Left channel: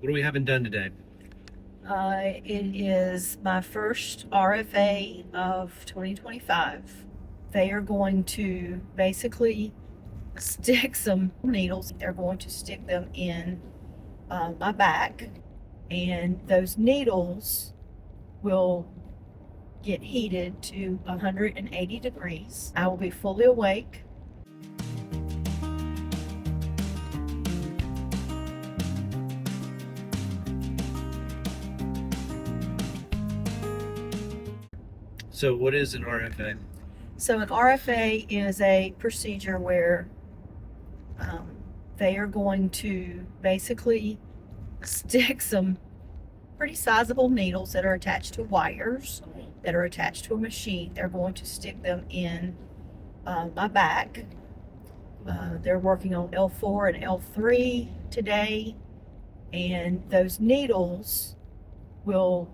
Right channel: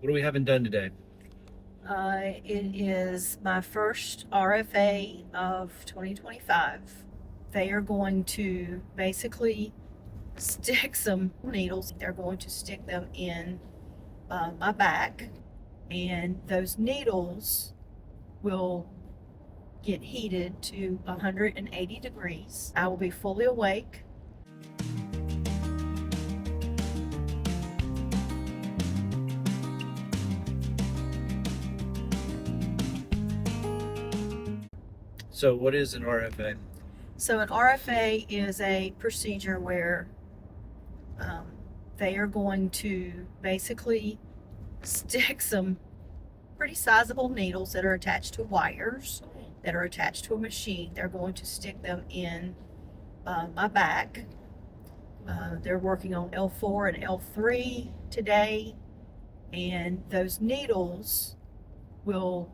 What are we having done today? It is my first RFA of 2025. They are going to basically stick some needles. They're going to stick them in my back, and those needles will get heated to 180 degrees. I will be fully awake. So what is an RFA? So an RFA is a procedure where they are going to basically stick some pretty sizable needles that are attached to wires that are attached to a machine. They're going to stick them in my back. They're working on L4 and L3 today, and those needles will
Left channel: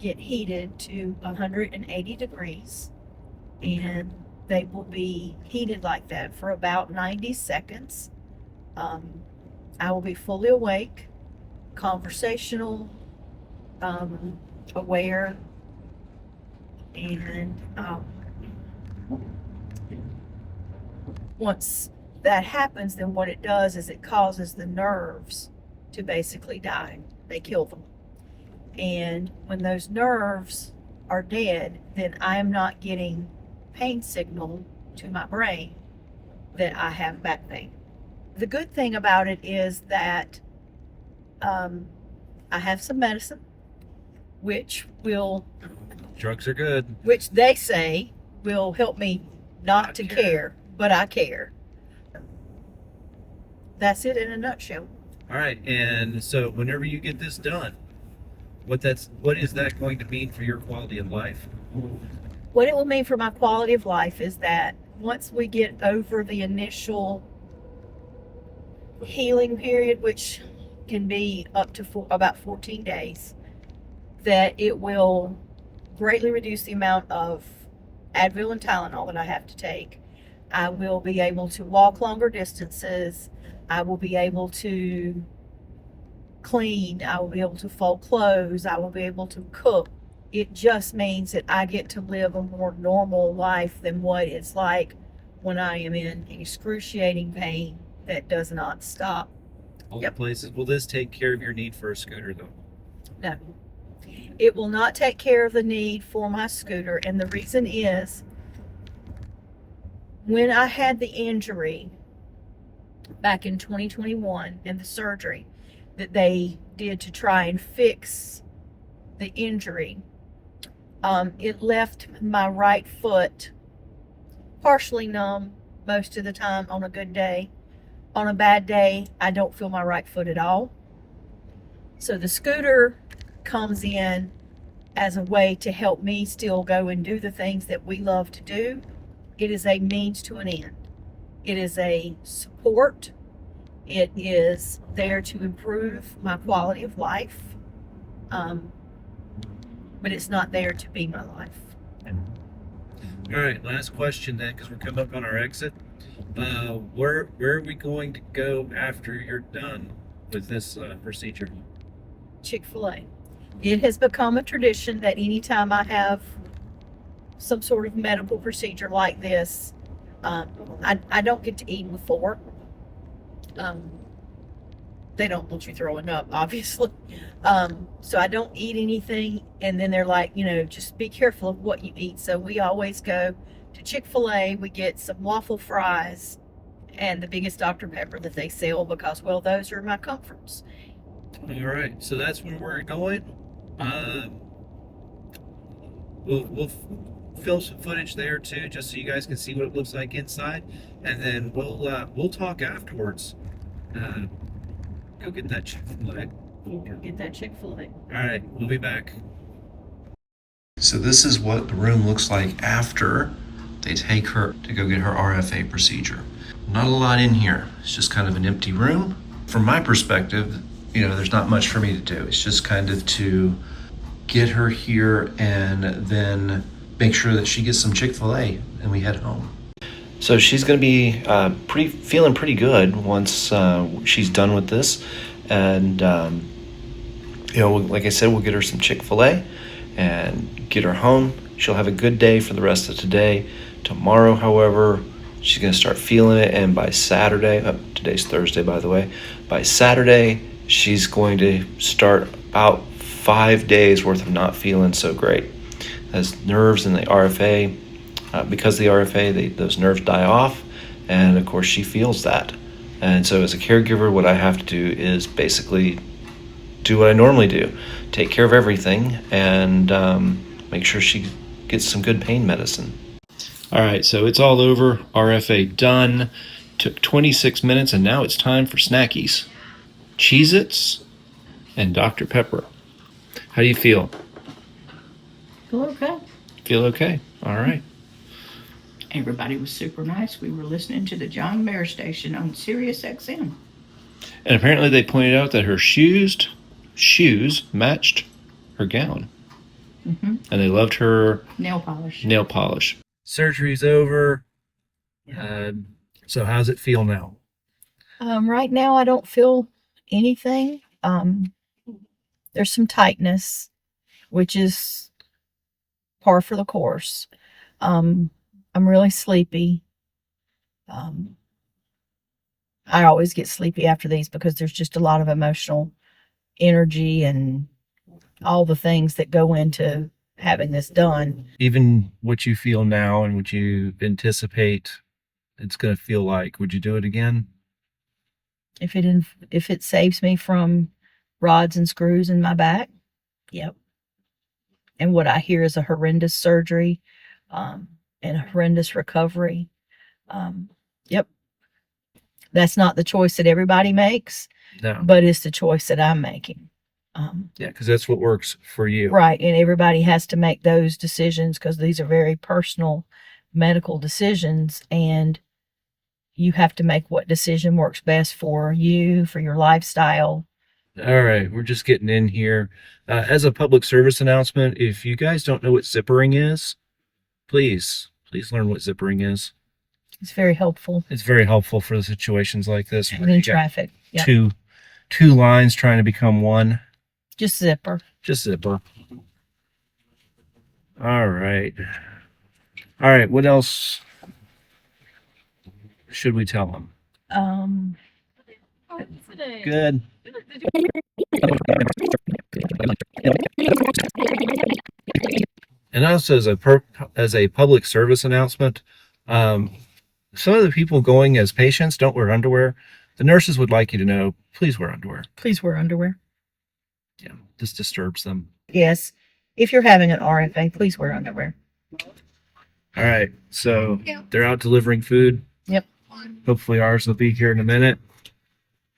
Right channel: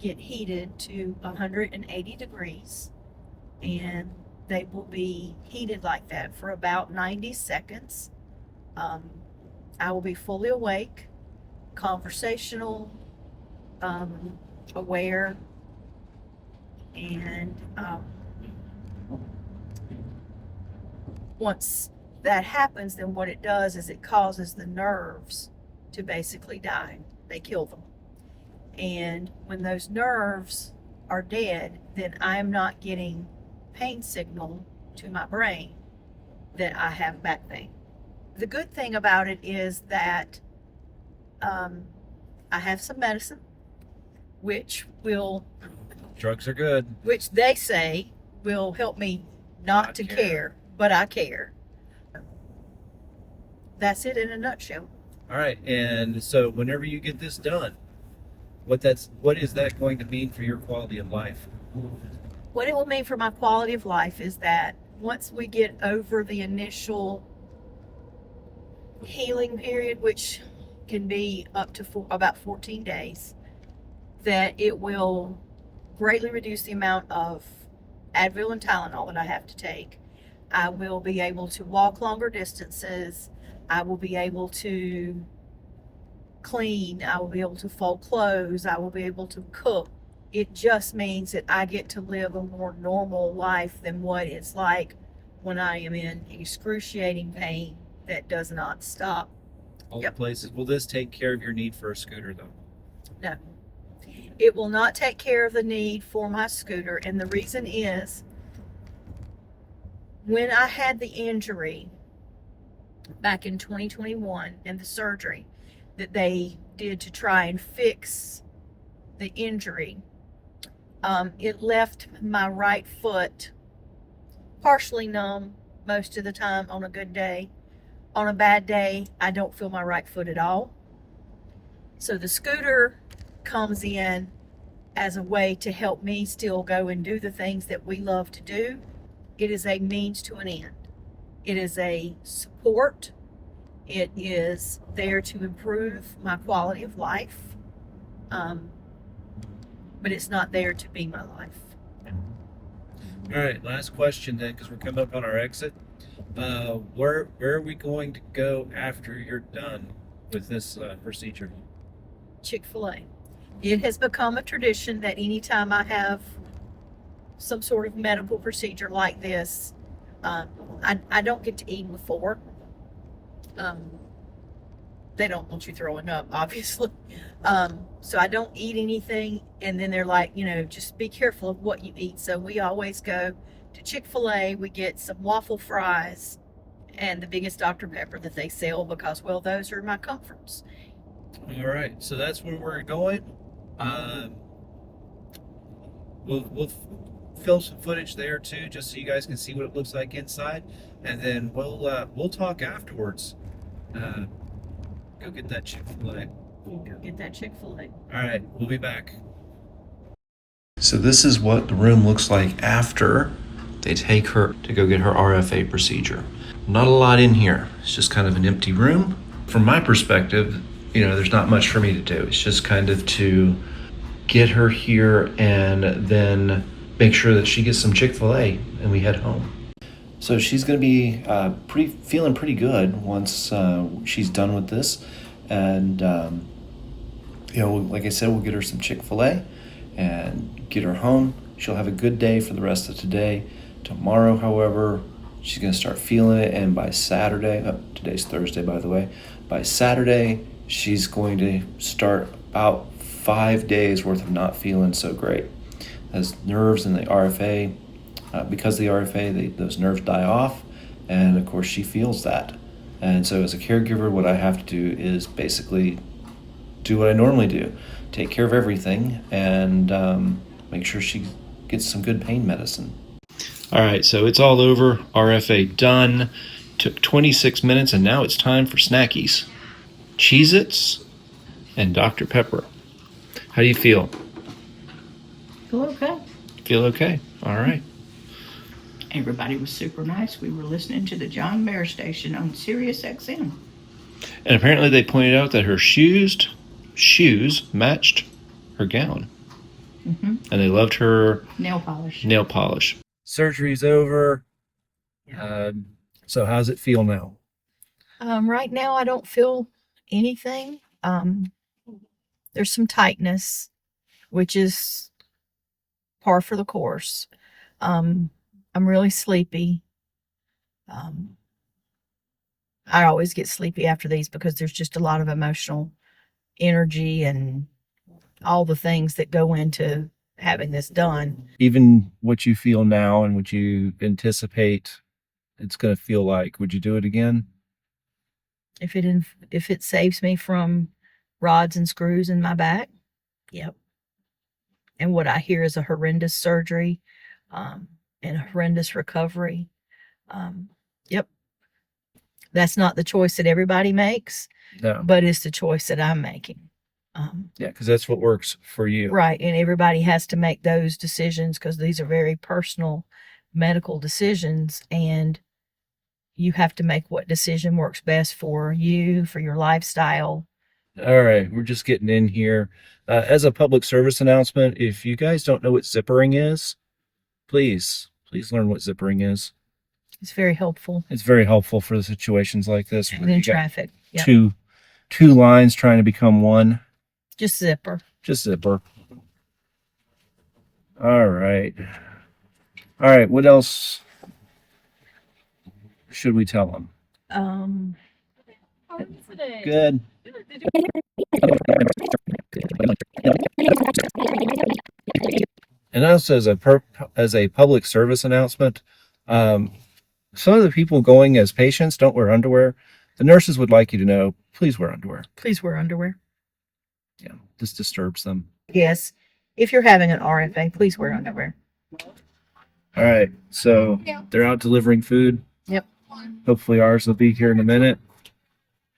get heated to 180 degrees, and they will be heated like that for about 90 seconds. I will be fully awake, conversational, aware, and once that happens, then what it does is it causes the nerves to basically die. They kill them. And when those nerves are dead, then I am not getting pain signal to my brain that I have back pain. The good thing about it is that I have some medicine, which Drugs are good. which they say will help me not to care, but I care. That's it in a nutshell. All right, and so whenever you get this done, what is that going to mean for your quality of life? What it will mean for my quality of life is that once we get over the initial healing period, which can be up to about 14 days, that it will greatly reduce the amount of Advil and Tylenol that I have to take. I will be able to walk longer distances. I will be able to clean. I will be able to fold clothes. I will be able to cook. It just means that I get to live a more normal life than what it's like when I am in excruciating pain that does not stop. All the places. Will this take care of your need for a scooter, though? No. It will not take care of the need for my scooter, and the reason is when I had the injury back in 2021 and the surgery that they did to try and fix the injury, it left my right foot partially numb most of the time on a good day. On a bad day, I don't feel my right foot at all. So the scooter comes in as a way to help me still go and do the things that we love to do. It is a means to an end. It is a support. It is there to improve my quality of life. But it's not there to be my life. All right, last question then, because we're coming up on our exit. Where are we going to go after you're done with this procedure? Chick-fil-A. It has become a tradition that anytime I have some sort of medical procedure like this, I don't get to eat before. They don't want you throwing up, obviously. So I don't eat anything, and then they're like, just be careful of what you eat. So we always go to Chick-fil-A. We get some waffle fries and the biggest Dr. Pepper that they sell because, well, those are my comforts. All right, so that's where we're going. We'll film some footage there too, just so you guys can see what it looks like inside, and then we'll talk afterwards. Go get that Chick-fil-A. Go get that Chick-fil-A. All right, we'll be back. So this is what the room looks like after they take her to go get her RFA procedure. Not a lot in here. It's just kind of an empty room. From my perspective, there's not much for me to do. It's just kind of to get her here and then make sure that she gets some Chick-fil-A and we head home. So she's going to be feeling pretty good once she's done with this. And, like I said, we'll get her some Chick-fil-A and get her home. She'll have a good day for the rest of today. Tomorrow, however, she's going to start feeling it. And by Saturday, today's Thursday, by the way, by Saturday, she's going to start about 5 days worth of not feeling so great. As nerves in the RFA, because the RFA, those nerves die off. And of course, she feels that. And so, as a caregiver, what I have to do is basically do what I normally do, take care of everything, and make sure she gets some good pain medicine. All right, so it's all over. RFA done. Took 26 minutes, and now it's time for snackies. Cheez-Its and Dr. Pepper. How do you feel? Feel okay. Feel okay? All right. Everybody was super nice. We were listening to the John Mayer station on Sirius XM. And apparently they pointed out that her shoes matched her gown. Mm-hmm. And they loved her Nail polish. Surgery's over. So how's it feel now? Right now, I don't feel anything. There's some tightness, which is par for the course. I'm really sleepy. I always get sleepy after these because there's just a lot of emotional energy and all the things that go into having this done. Even what you feel now and what you anticipate it's going to feel like, would you do it again? If it saves me from rods and screws in my back, yep. And what I hear is a horrendous surgery, and a horrendous recovery. Yep. That's not the choice that everybody makes, No. but it's the choice that I'm making. Yeah, because that's what works for you. Right. And everybody has to make those decisions because these are very personal medical decisions. And you have to make what decision works best for you, for your lifestyle. All right, we're just getting in here. As a public service announcement, if you guys don't know what zippering is, please learn what zippering is. It's very helpful. It's very helpful for the situations like this. And in traffic. Yep. Two lines trying to become one. Just zipper. Just zipper. All right. What else should we tell them? Good. And also, as a public service announcement, some of the people going as patients don't wear underwear. The nurses would like you to know, please wear underwear. Please wear underwear. Yeah, this disturbs them. Yes. If you're having an RFA, please wear underwear. All right, so they're out delivering food. Yep. Hopefully ours will be here in a minute.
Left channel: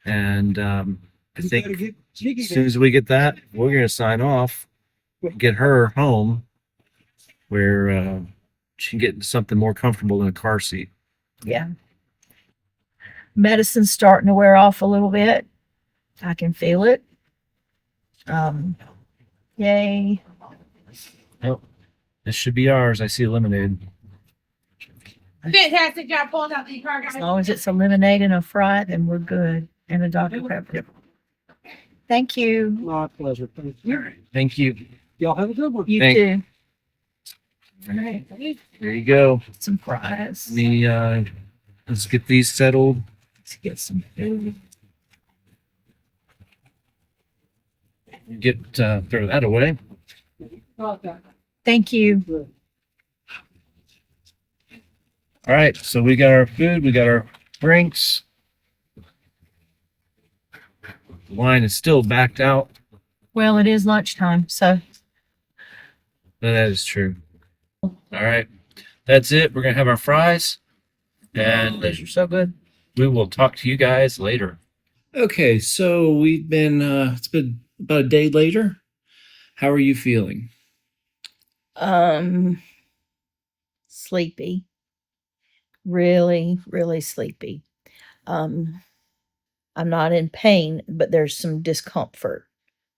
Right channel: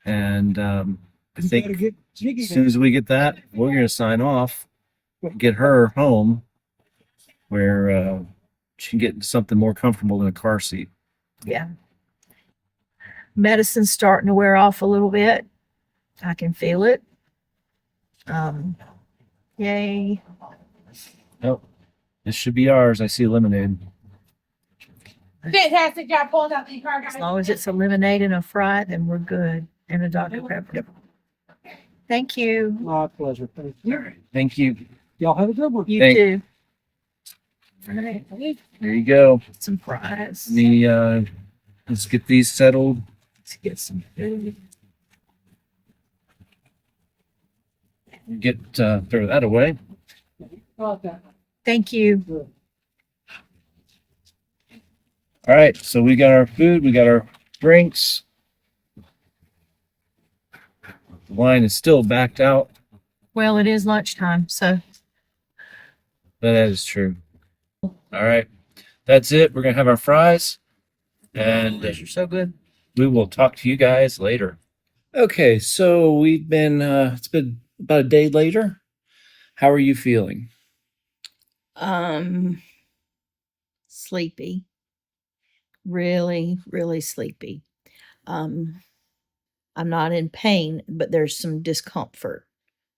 And I think as soon as we get that, we're going to sign off, get her home where she can get something more comfortable in a car seat. Yeah. Medicine's starting to wear off a little bit. I can feel it. Yay. Oh, this should be ours. I see a lemonade. Fantastic job pulling out the car, guys. As long as it's a lemonade and a fry, then we're good. And a Dr. Pepper. Thank you. My pleasure. Thank you. Thank you. Y'all have a good one. You Thank- too. All right. There you go. Some fries. Let's get these settled. Let's get some food. Throw that away. Thank you. All right, so we got our food, we got our drinks. The line is still backed out. Well, it is lunchtime, so That is true. All right, that's it. We're gonna have our fries, and those are so good. we will talk to you guys later. Okay, so we've been. It's been about a day later. How are you feeling? Sleepy. Really, really sleepy. I'm not in pain, but there's some discomfort.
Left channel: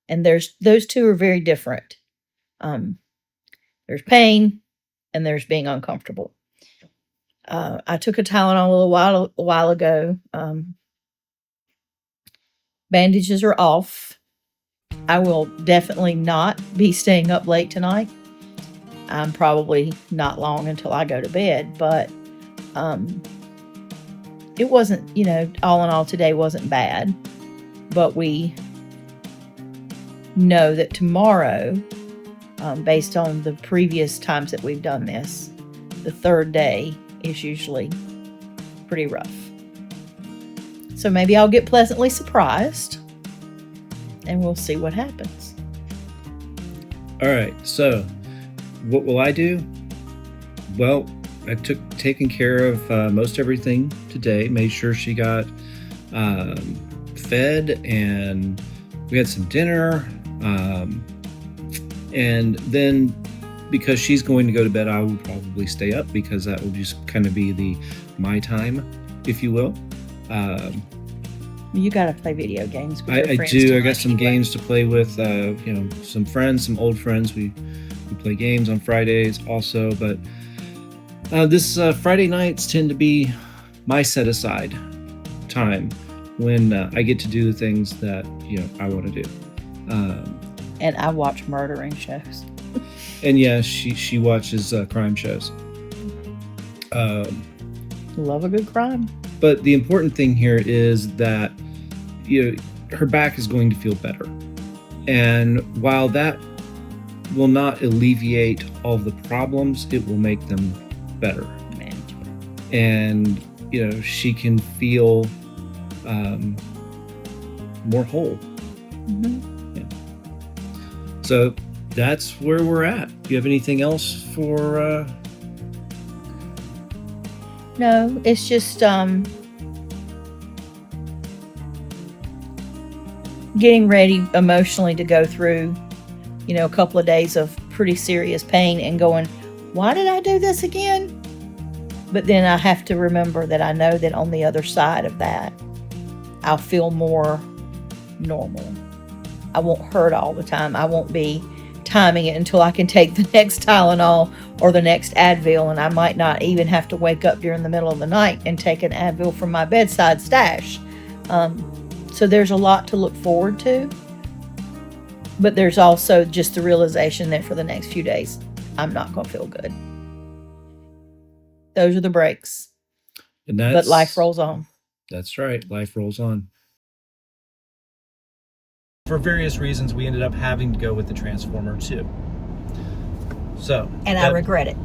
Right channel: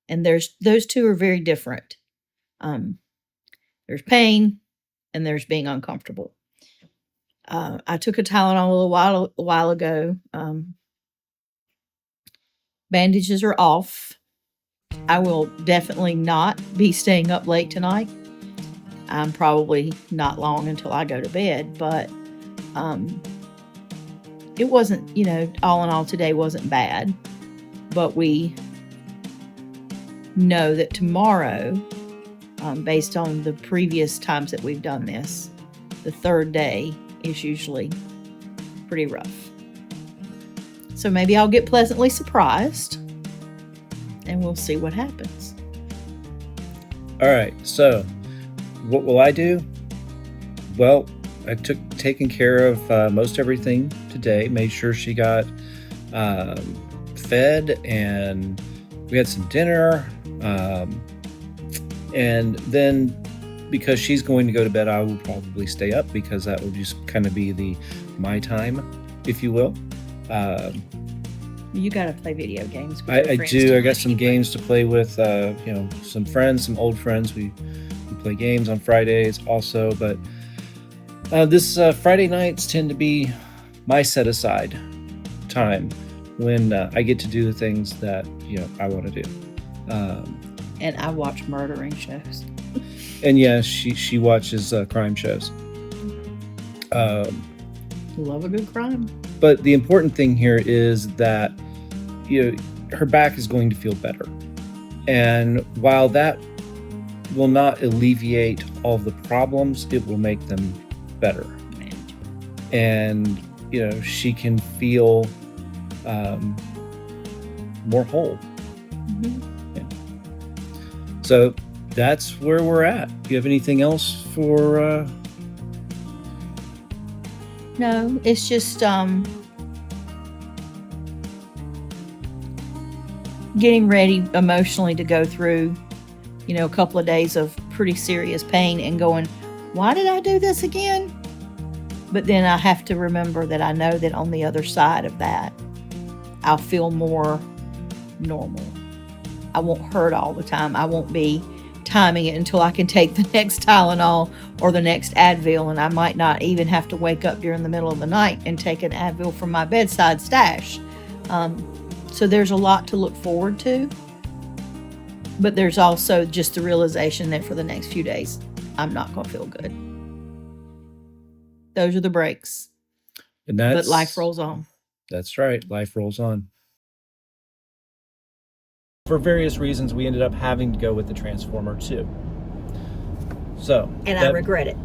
And those two are very different. There's pain and there's being uncomfortable. I took a Tylenol a while ago. Bandages are off. I will definitely not be staying up late tonight. I'm probably not long until I go to bed, but it wasn't, all in all, today wasn't bad. But we know that tomorrow, based on the previous times that we've done this, the third day is usually pretty rough. So maybe I'll get pleasantly surprised and we'll see what happens. All right, so what will I do? Well, I taken care of most everything today. Made sure she got fed, and we had some dinner. And then, because she's going to go to bed, I will probably stay up because that will just kind of be my time, if you will. You gotta play video games. With I your friends do. I tonight. got some games to play with. Some friends, some old friends. We play games on Fridays also, but this Friday nights tend to be my set aside time when I get to do the things that I want to do. And I watch murdering shows. And yeah, she watches crime shows. Love a good crime. But the important thing here is that her back is going to feel better. And while that will not alleviate all the problems, it will make them better. And she can feel more whole. Mm-hmm. Yeah. So that's where we're at. Do you have anything else for No, it's just getting ready emotionally to go through, a couple of days of pretty serious pain and going, why did I do this again? But then I have to remember that I know that on the other side of that, I'll feel more normal. I won't hurt all the time. I won't be timing it until I can take the next Tylenol or the next Advil, and I might not even have to wake up during the middle of the night and take an Advil from my bedside stash. So there's a lot to look forward to, but there's also just the realization that for the next few days, I'm not going to feel good. Those are the breaks. But life rolls on. That's right. Life rolls on. For various reasons, we ended up having to go with the Transformer 2. So, And I regret it.